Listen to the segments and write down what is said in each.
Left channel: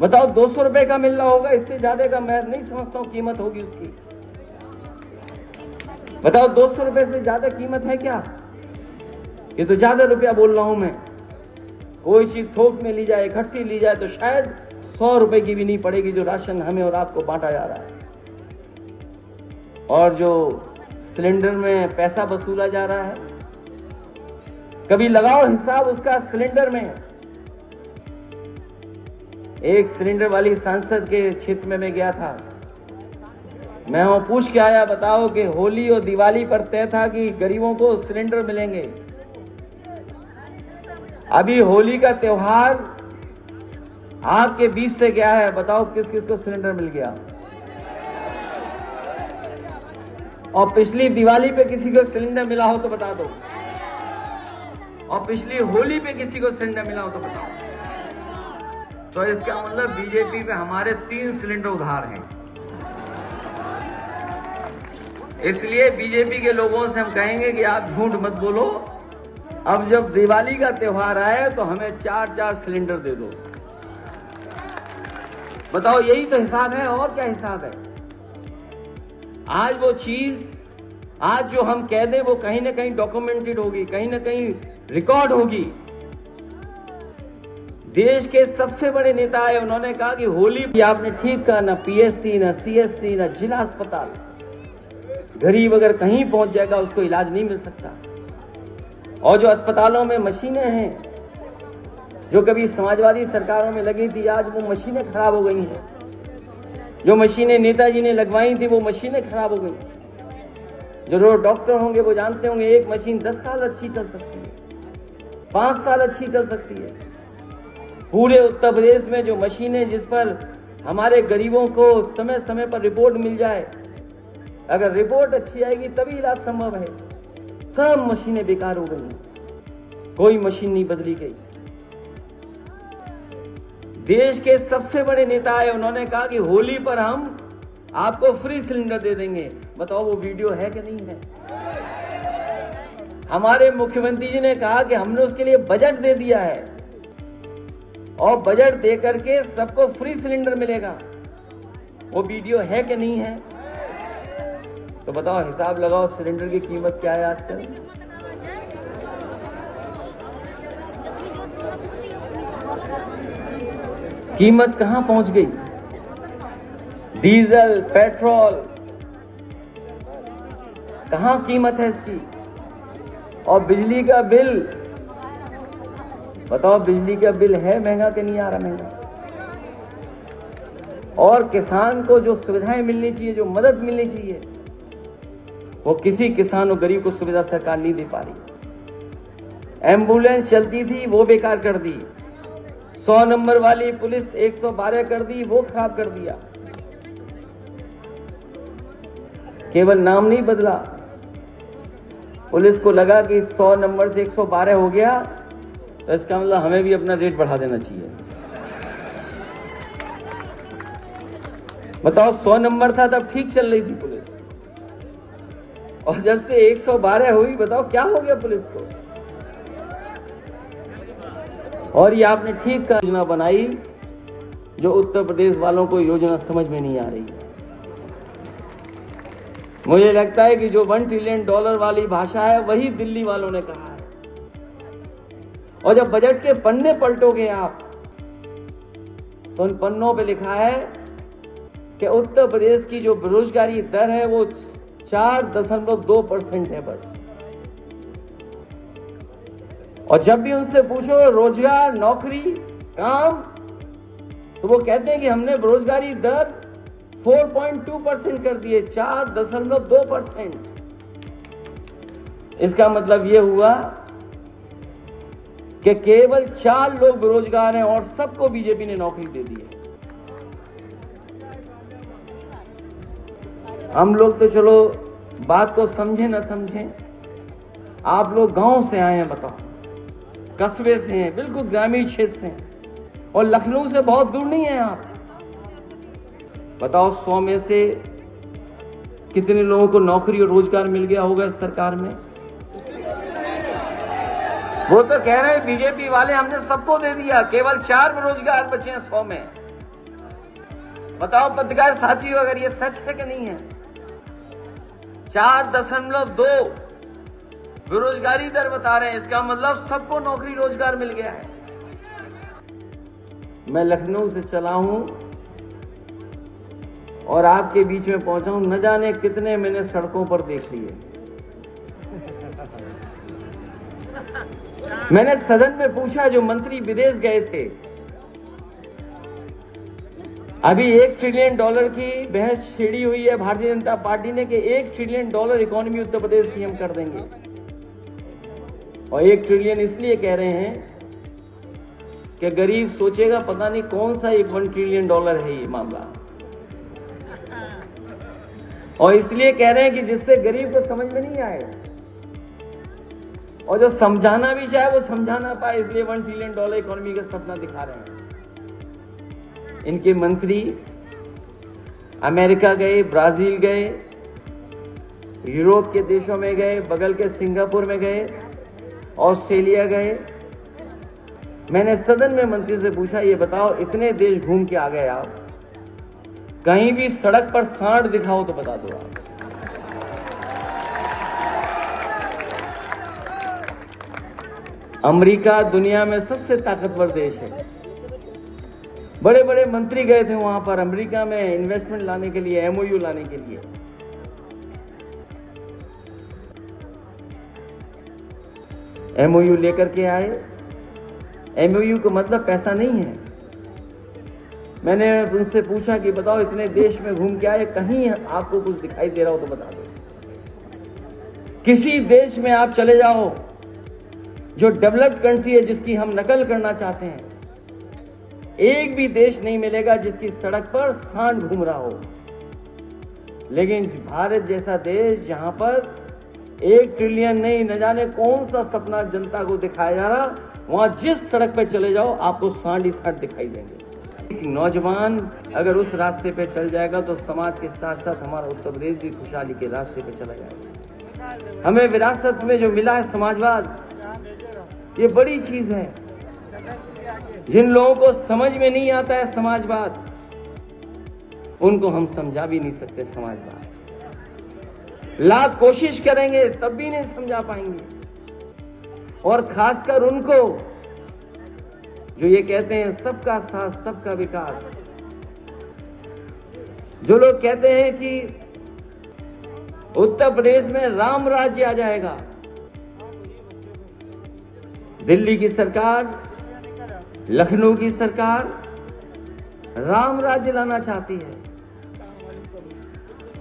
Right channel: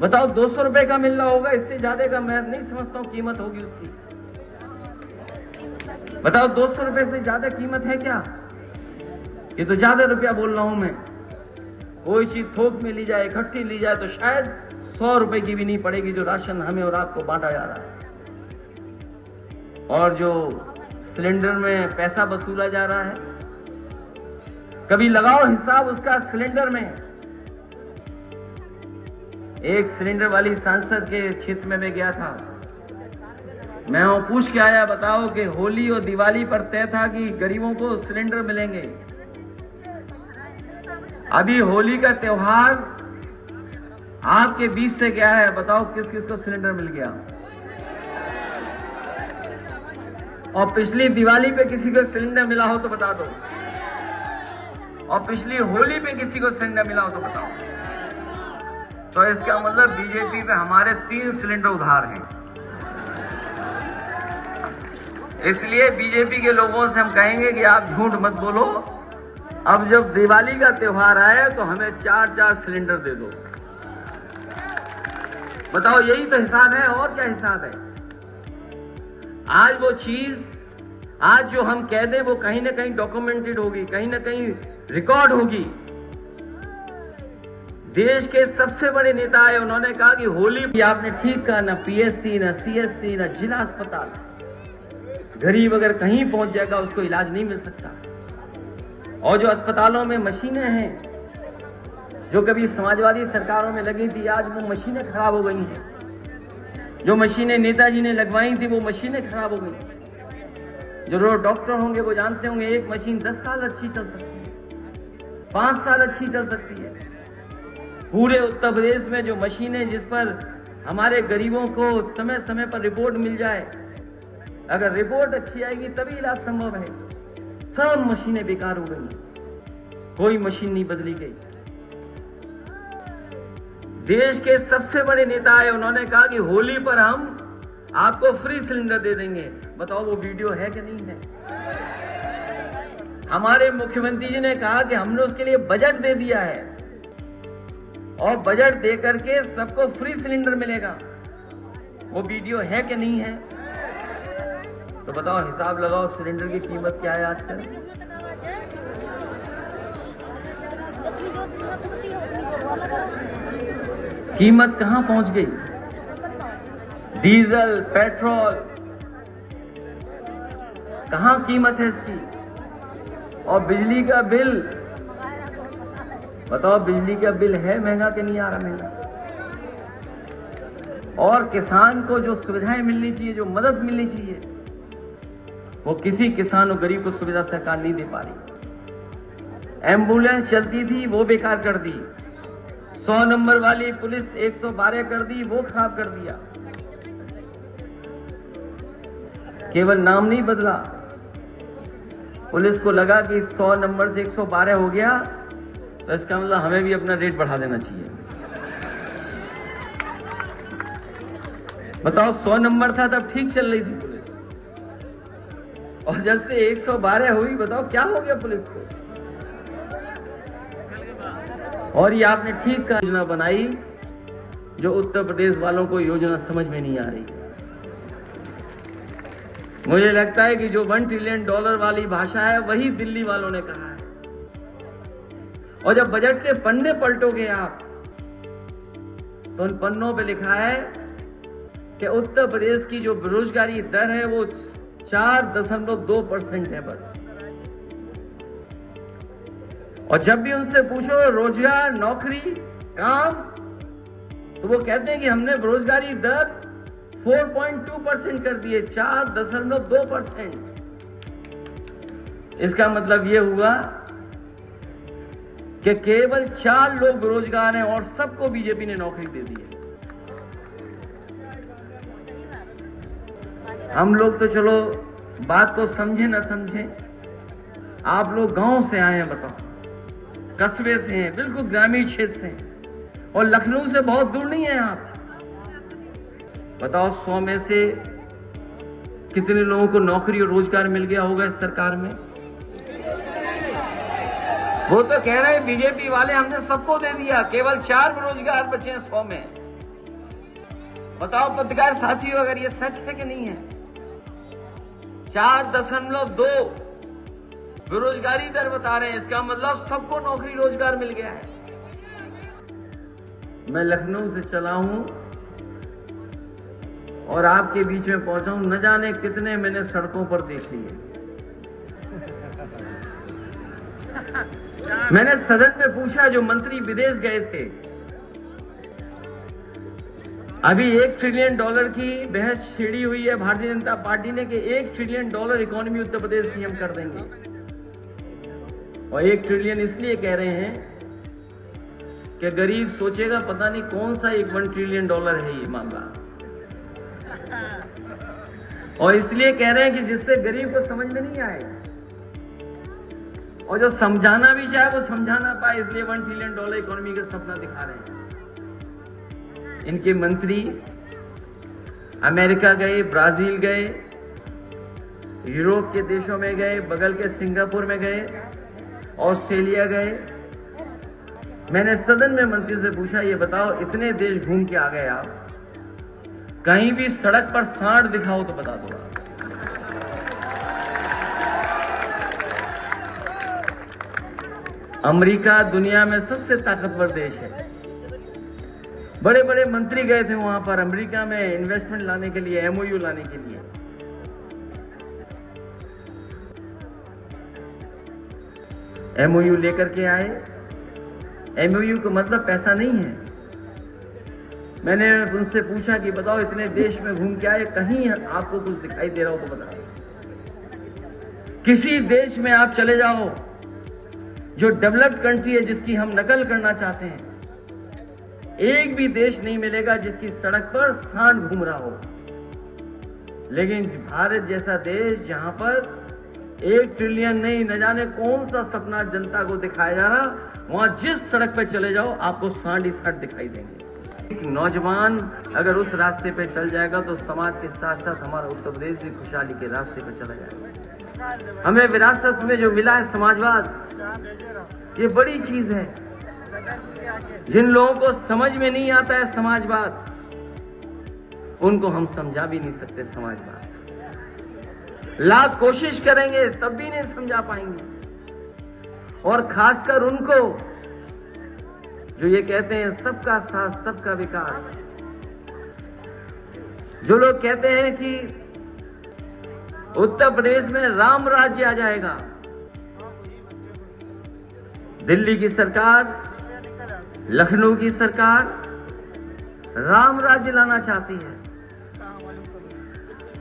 बताओ 200 रुपए का मिल रहा होगा, इससे ज्यादा का मैं नहीं समझता हूं कीमत होगी उसकी। बताओ 200 रुपए से ज्यादा कीमत है क्या? ये तो ज्यादा रुपया बोल रहा हूं मैं। कोई चीज थोक में ली जाए, इकट्ठी ली जाए तो शायद 100 रुपए की भी नहीं पड़ेगी, जो राशन हमें और आपको बांटा जा रहा है। और जो सिलेंडर में पैसा वसूला जा रहा है, कभी लगाओ हिसाब उसका सिलेंडर में। एक सिलेंडर वाली सांसद के क्षेत्र में मैं गया था, मैं वहां पूछ के आया, बताओ कि होली और दिवाली पर तय था कि गरीबों को सिलेंडर मिलेंगे। अभी होली का त्योहार आपके बीच से गया है, बताओ किस किस को सिलेंडर मिल गया? और पिछली दिवाली पे किसी को सिलेंडर मिला हो तो बता दो, और पिछली होली पे किसी को सिलेंडर मिला हो तो बताओ। तो इसका मतलब बीजेपी पे हमारे 3 सिलेंडर उधार हैं। इसलिए बीजेपी के लोगों से हम कहेंगे कि आप झूठ मत बोलो, अब जब दिवाली का त्योहार आए तो हमें 4-4 सिलेंडर दे दो। बताओ, यही तो हिसाब है, और क्या हिसाब है? आज वो चीज, आज जो हम कह दें वो कहीं ना कहीं डॉक्यूमेंटेड होगी, कहीं ना कहीं रिकॉर्ड होगी। देश के सबसे बड़े नेता है, उन्होंने कहा कि होली, आपने ठीक कहा, ना पीएससी, ना सीएससी, ना जिला अस्पताल। गरीब अगर कहीं पहुंच जाएगा उसको इलाज नहीं मिल सकता। और जो अस्पतालों में मशीनें हैं, जो कभी समाजवादी सरकारों में लगी थी, आज वो मशीनें खराब हो गई हैं। जो मशीनें नेताजी ने लगवाई थी वो मशीनें खराब हो गई। जो लोग डॉक्टर होंगे वो जानते होंगे, एक मशीन 10 साल अच्छी चल सकती है, 5 साल अच्छी चल सकती है। पूरे उत्तर प्रदेश में जो मशीनें, जिस पर हमारे गरीबों को समय समय पर रिपोर्ट मिल जाए, अगर रिपोर्ट अच्छी आएगी तभी इलाज संभव है। सब मशीनें बेकार हो गई, कोई मशीन नहीं बदली गई। देश के सबसे बड़े नेता है, उन्होंने कहा कि होली पर हम आपको फ्री सिलेंडर दे देंगे। बताओ वो वीडियो है कि नहीं है? हमारे मुख्यमंत्री जी ने कहा कि हमने उसके लिए बजट दे दिया है, और बजट दे करके सबको फ्री सिलेंडर मिलेगा। वो वीडियो है कि नहीं है? तो बताओ, हिसाब लगाओ, सिलेंडर की कीमत क्या है आजकल? कीमत कहां पहुंच गई? डीजल, पेट्रोल, कहां कीमत है इसकी? और बिजली का बिल, बताओ बिजली का बिल है महंगा कि नहीं आ रहा महंगा? और किसान को जो सुविधाएं मिलनी चाहिए, जो मदद मिलनी चाहिए, वो किसी किसान और गरीब को सुविधा सरकार नहीं दे पा रही। एम्बुलेंस चलती थी वो बेकार कर दी, 100 नंबर वाली पुलिस 112 कर दी, वो खराब कर दिया। केवल नाम नहीं बदला, पुलिस को लगा कि 100 नंबर से 112 हो गया तो इसका मतलब हमें भी अपना रेट बढ़ा देना चाहिए। बताओ, 100 नंबर था तब ठीक चल रही थी पुलिस, और जब से 112 हुई, बताओ क्या हो गया पुलिस को? और ये आपने ठीक कहा, योजना बनाई जो उत्तर प्रदेश वालों को योजना समझ में नहीं आ रही है। मुझे लगता है कि जो $1 ट्रिलियन वाली भाषा है वही दिल्ली वालों ने कहा है। और जब बजट के पन्ने पलटोगे आप, तो उन पन्नों पे लिखा है कि उत्तर प्रदेश की जो बेरोजगारी दर है वो 4.2% है बस। और जब भी उनसे पूछो रोजगार, नौकरी, काम, तो वो कहते हैं कि हमने बेरोजगारी दर 4.2% कर दिए, 4.2%। इसका मतलब यह हुआ कि केवल 4 लोग बेरोजगार हैं और सबको बीजेपी ने नौकरी दे दी है। हम लोग तो चलो बात को समझे ना समझे, आप लोग गांव से आए हैं, बताओ, कस्बे से हैं, बिल्कुल ग्रामीण क्षेत्र से हैं, और लखनऊ से बहुत दूर नहीं है आप। बताओ 100 में से कितने लोगों को नौकरी और रोजगार मिल गया होगा इस सरकार में? वो तो कह रहे हैं बीजेपी वाले हमने सबको दे दिया, केवल 4 बेरोजगार बचे हैं 100 में। बताओ पत्रकार साथियों, अगर ये सच है कि नहीं है? 4.2 बेरोजगारी दर बता रहे हैं। इसका मतलब सबको नौकरी रोजगार मिल गया है। मैं लखनऊ से चला हूं और आपके बीच में पहुंचा हूं, न जाने कितने मैंने सड़कों पर देख लिए। मैंने सदन में पूछा, जो मंत्री विदेश गए थे, अभी $1 ट्रिलियन की बहस छिड़ी हुई है भारतीय जनता पार्टी ने कि $1 ट्रिलियन इकोनॉमी उत्तर प्रदेश की हम कर देंगे। और 1 ट्रिलियन इसलिए कह रहे हैं कि गरीब सोचेगा पता नहीं कौन सा $1 ट्रिलियन है ये मामला। और इसलिए कह रहे हैं कि जिससे गरीब को समझ में नहीं आए और जो समझाना भी चाहे वो समझा ना पाए, इसलिए $1 ट्रिलियन इकोनॉमी का सपना दिखा रहे हैं। इनके मंत्री अमेरिका गए, ब्राजील गए, यूरोप के देशों में गए, बगल के सिंगापुर में गए, ऑस्ट्रेलिया गए। मैंने सदन में मंत्री से पूछा, ये बताओ इतने देश घूम के आ गए आप, कहीं भी सड़क पर सांड दिखाओ तो बता दो आप। अमेरिका दुनिया में सबसे ताकतवर देश है। बड़े बड़े मंत्री गए थे वहां पर अमेरिका में इन्वेस्टमेंट लाने के लिए, MOU लाने के लिए। MOU लेकर के आए। MOU का मतलब पैसा नहीं है। मैंने उनसे पूछा कि बताओ इतने देश में घूम के आए, कहीं आपको कुछ दिखाई दे रहा हो तो बताओ। किसी देश में आप चले जाओ जो डेवलप्ड कंट्री है, जिसकी हम नकल करना चाहते हैं, एक भी देश नहीं मिलेगा जिसकी सड़क पर सांड घूम रहा हो। लेकिन भारत जैसा देश जहां पर 1 ट्रिलियन नहीं, न जाने कौन सा सपना जनता को दिखाया जा रहा, वहां जिस सड़क पे चले जाओ आपको सांड ही सांड दिखाई देंगे। एक नौजवान अगर उस रास्ते पे चल जाएगा तो समाज के साथ साथ हमारा उत्तर प्रदेश भी खुशहाली के रास्ते पे चला जाएगा। हमें विरासत में जो मिला है समाजवाद, ये बड़ी चीज है। जिन लोगों को समझ में नहीं आता है समाजवाद, उनको हम समझा भी नहीं सकते समाजवाद। लाख कोशिश करेंगे तब भी नहीं समझा पाएंगे। और खासकर उनको जो ये कहते हैं सबका साथ सबका विकास, जो लोग कहते हैं कि उत्तर प्रदेश में राम राज्य आ जाएगा। दिल्ली की सरकार, लखनऊ की सरकार राम राज्य लाना चाहती है,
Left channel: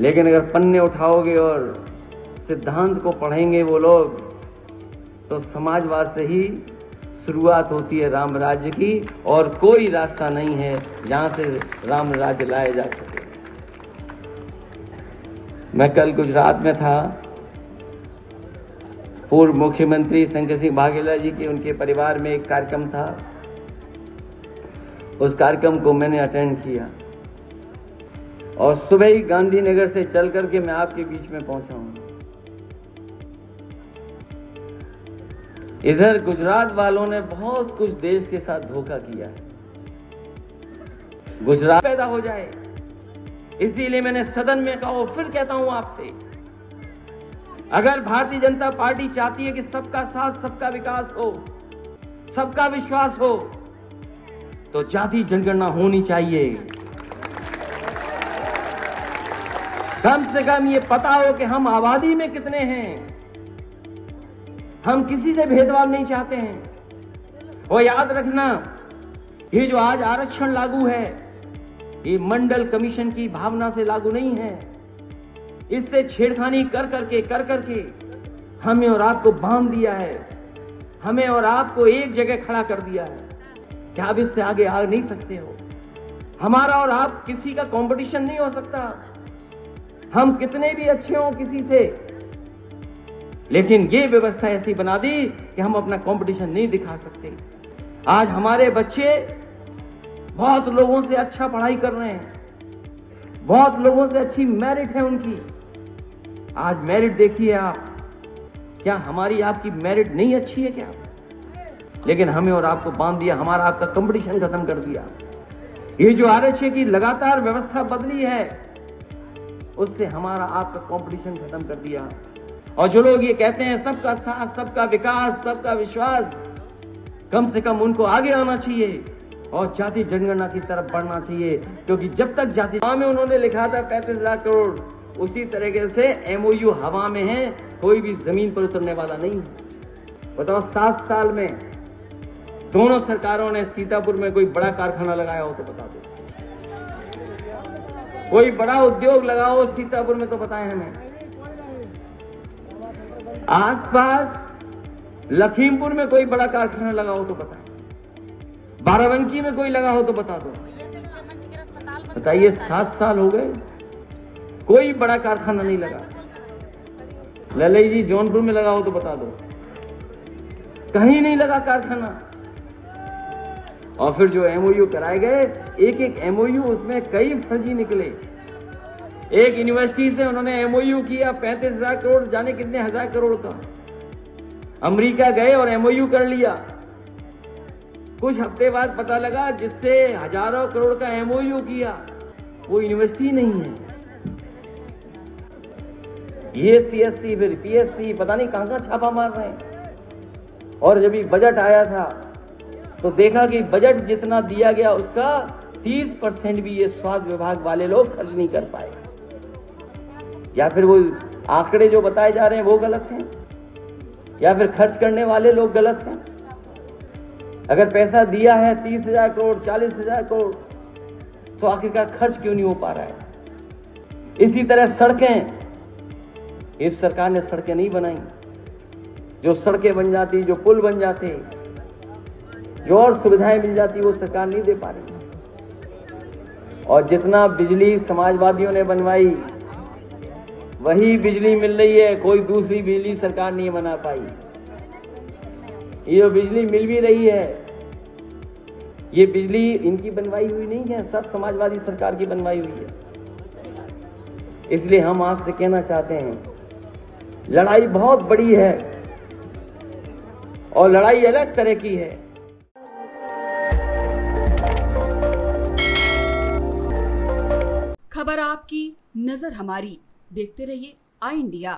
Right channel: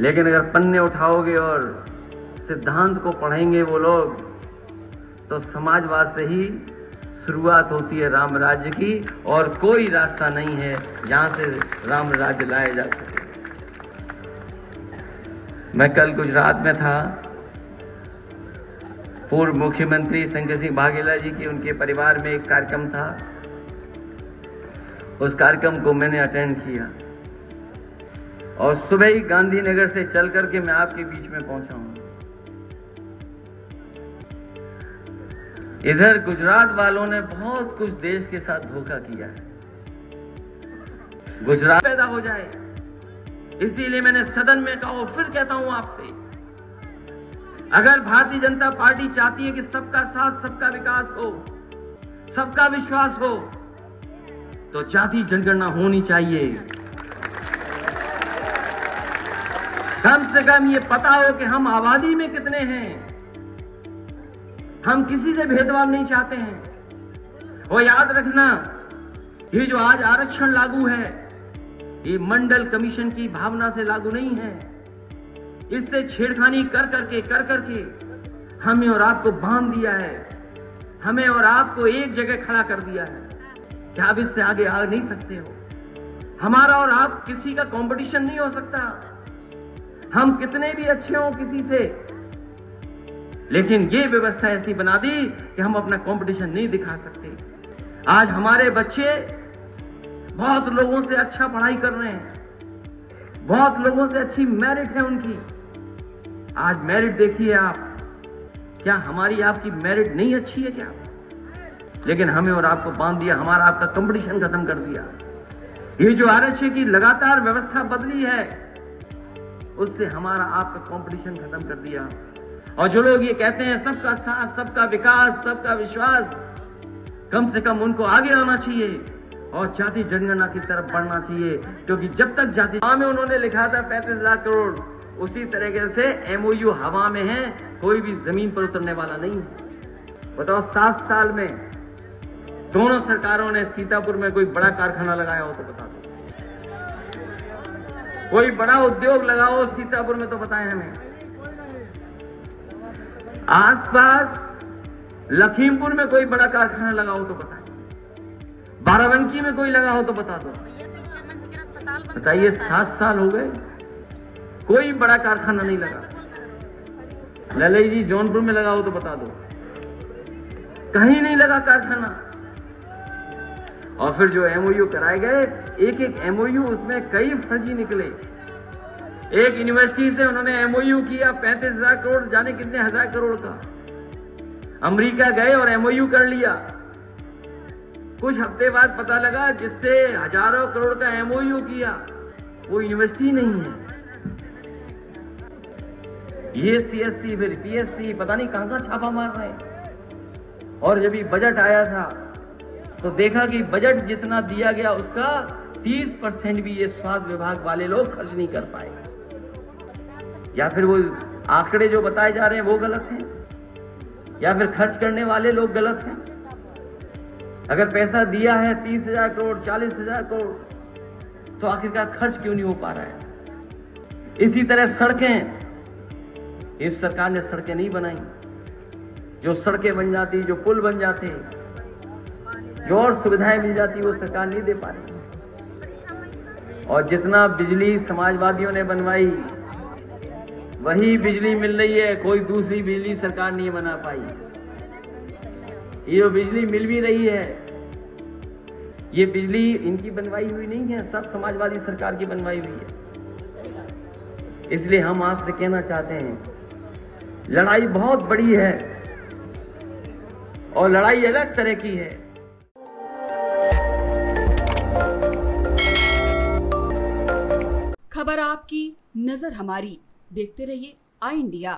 लेकिन अगर पन्ने उठाओगे और सिद्धांत को पढ़ेंगे वो लोग, तो समाजवाद से ही शुरुआत होती है राम राज्य की, और कोई रास्ता नहीं है जहां से राम राज्य लाया जा सके। मैं कल गुजरात में था। पूर्व मुख्यमंत्री शंकर सिंह वाघेला जी की, उनके परिवार में एक कार्यक्रम था। उस कार्यक्रम को मैंने अटेंड किया और सुबह ही गांधीनगर से चल करके मैं आपके बीच में पहुंचा हूं। इधर गुजरात वालों ने बहुत कुछ देश के साथ धोखा किया है। गुजरात पैदा हो जाए, इसीलिए मैंने सदन में कहा और फिर कहता हूं आपसे, अगर भारतीय जनता पार्टी चाहती है कि सबका साथ सबका विकास हो, सबका विश्वास हो, तो जाति जनगणना होनी चाहिए। कम से कम ये पता हो कि हम आबादी में कितने हैं। हम किसी से भेदभाव नहीं चाहते हैं। और याद रखना, ये जो आज आरक्षण लागू है, ये मंडल कमीशन की भावना से लागू नहीं है। इससे छेड़खानी कर करके हमें और आपको बांध दिया है, हमें और आपको एक जगह खड़ा कर दिया है कि आप इससे आगे आ नहीं सकते हो। हमारा और आप किसी का कंपटीशन नहीं हो सकता। हम कितने भी अच्छे हों किसी से, लेकिन ये व्यवस्था ऐसी बना दी कि हम अपना कंपटीशन नहीं दिखा सकते। आज हमारे बच्चे बहुत लोगों से अच्छा पढ़ाई कर रहे हैं, बहुत लोगों से अच्छी मेरिट है उनकी। आज मेरिट देखिए आप, क्या हमारी आपकी मेरिट नहीं अच्छी है क्या? लेकिन हमें और आपको बांध दिया, हमारा आपका कंपटीशन खत्म कर दिया। ये जो आरक्षण की लगातार व्यवस्था बदली है, उससे हमारा आपका कंपटीशन खत्म कर दिया। और जो लोग ये कहते हैं सबका साथ, सबका विकास, सबका विश्वास, कम से कम उनको आगे आना चाहिए और जाति जनगणना की तरफ बढ़ना चाहिए, क्योंकि जब तक जाति में उन्होंने लिखा था 35 लाख करोड़, उसी तरीके से एमओयू हवा में है, कोई भी जमीन पर उतरने वाला नहीं है। बताओ 7 साल में दोनों सरकारों ने सीतापुर में कोई बड़ा कारखाना लगाया हो तो बता दो, कोई बड़ा उद्योग लगाओ सीतापुर में तो बताएं हमें। आसपास लखीमपुर में कोई बड़ा कारखाना लगा हो तो बताएं, बाराबंकी में कोई लगा हो तो बता दो। बताइए 7 साल हो गए, कोई बड़ा कारखाना नहीं लगा। ललई जी जौनपुर में लगा हो तो बता दो, कहीं नहीं लगा कारखाना। और फिर जो एमओयू कराए गए, एक एक एमओयू उसमें कई फर्जी निकले। एक यूनिवर्सिटी से उन्होंने एमओयू किया 35,000 करोड़, जाने कितने हजार करोड़ का। अमेरिका गए और एमओयू कर लिया। कुछ हफ्ते बाद पता लगा जिससे हजारों करोड़ का एमओयू किया वो यूनिवर्सिटी नहीं है। ये सीएससी फिर पीएससी पता नहीं कहां छापा मार रहे हैं। और जब ये बजट आया था तो देखा कि बजट जितना दिया गया उसका 30% भी ये स्वास्थ्य विभाग वाले लोग खर्च नहीं कर पाए। या फिर वो आंकड़े जो बताए जा रहे हैं वो गलत हैं, या फिर खर्च करने वाले लोग गलत हैं। अगर पैसा दिया है 30,000 करोड़, 40,000 करोड़, तो आखिरकार खर्च क्यों नहीं हो पा रहा है। इसी तरह सड़कें, इस सरकार ने सड़कें नहीं बनाई। जो सड़कें बन जाती, जो पुल बन जाते, जो और सुविधाएं मिल जाती, वो सरकार नहीं दे पा रही। और जितना बिजली समाजवादियों ने बनवाई वही बिजली मिल रही है, कोई दूसरी बिजली सरकार नहीं बना पाई। ये जो बिजली मिल भी रही है, ये बिजली इनकी बनवाई हुई नहीं है, सब समाजवादी सरकार की बनवाई हुई है। इसलिए हम आपसे कहना चाहते हैं, लड़ाई बहुत बड़ी है और लड़ाई अलग तरह की है। खबर आपकी, नजर हमारी। देखते रहिए आई इंडिया।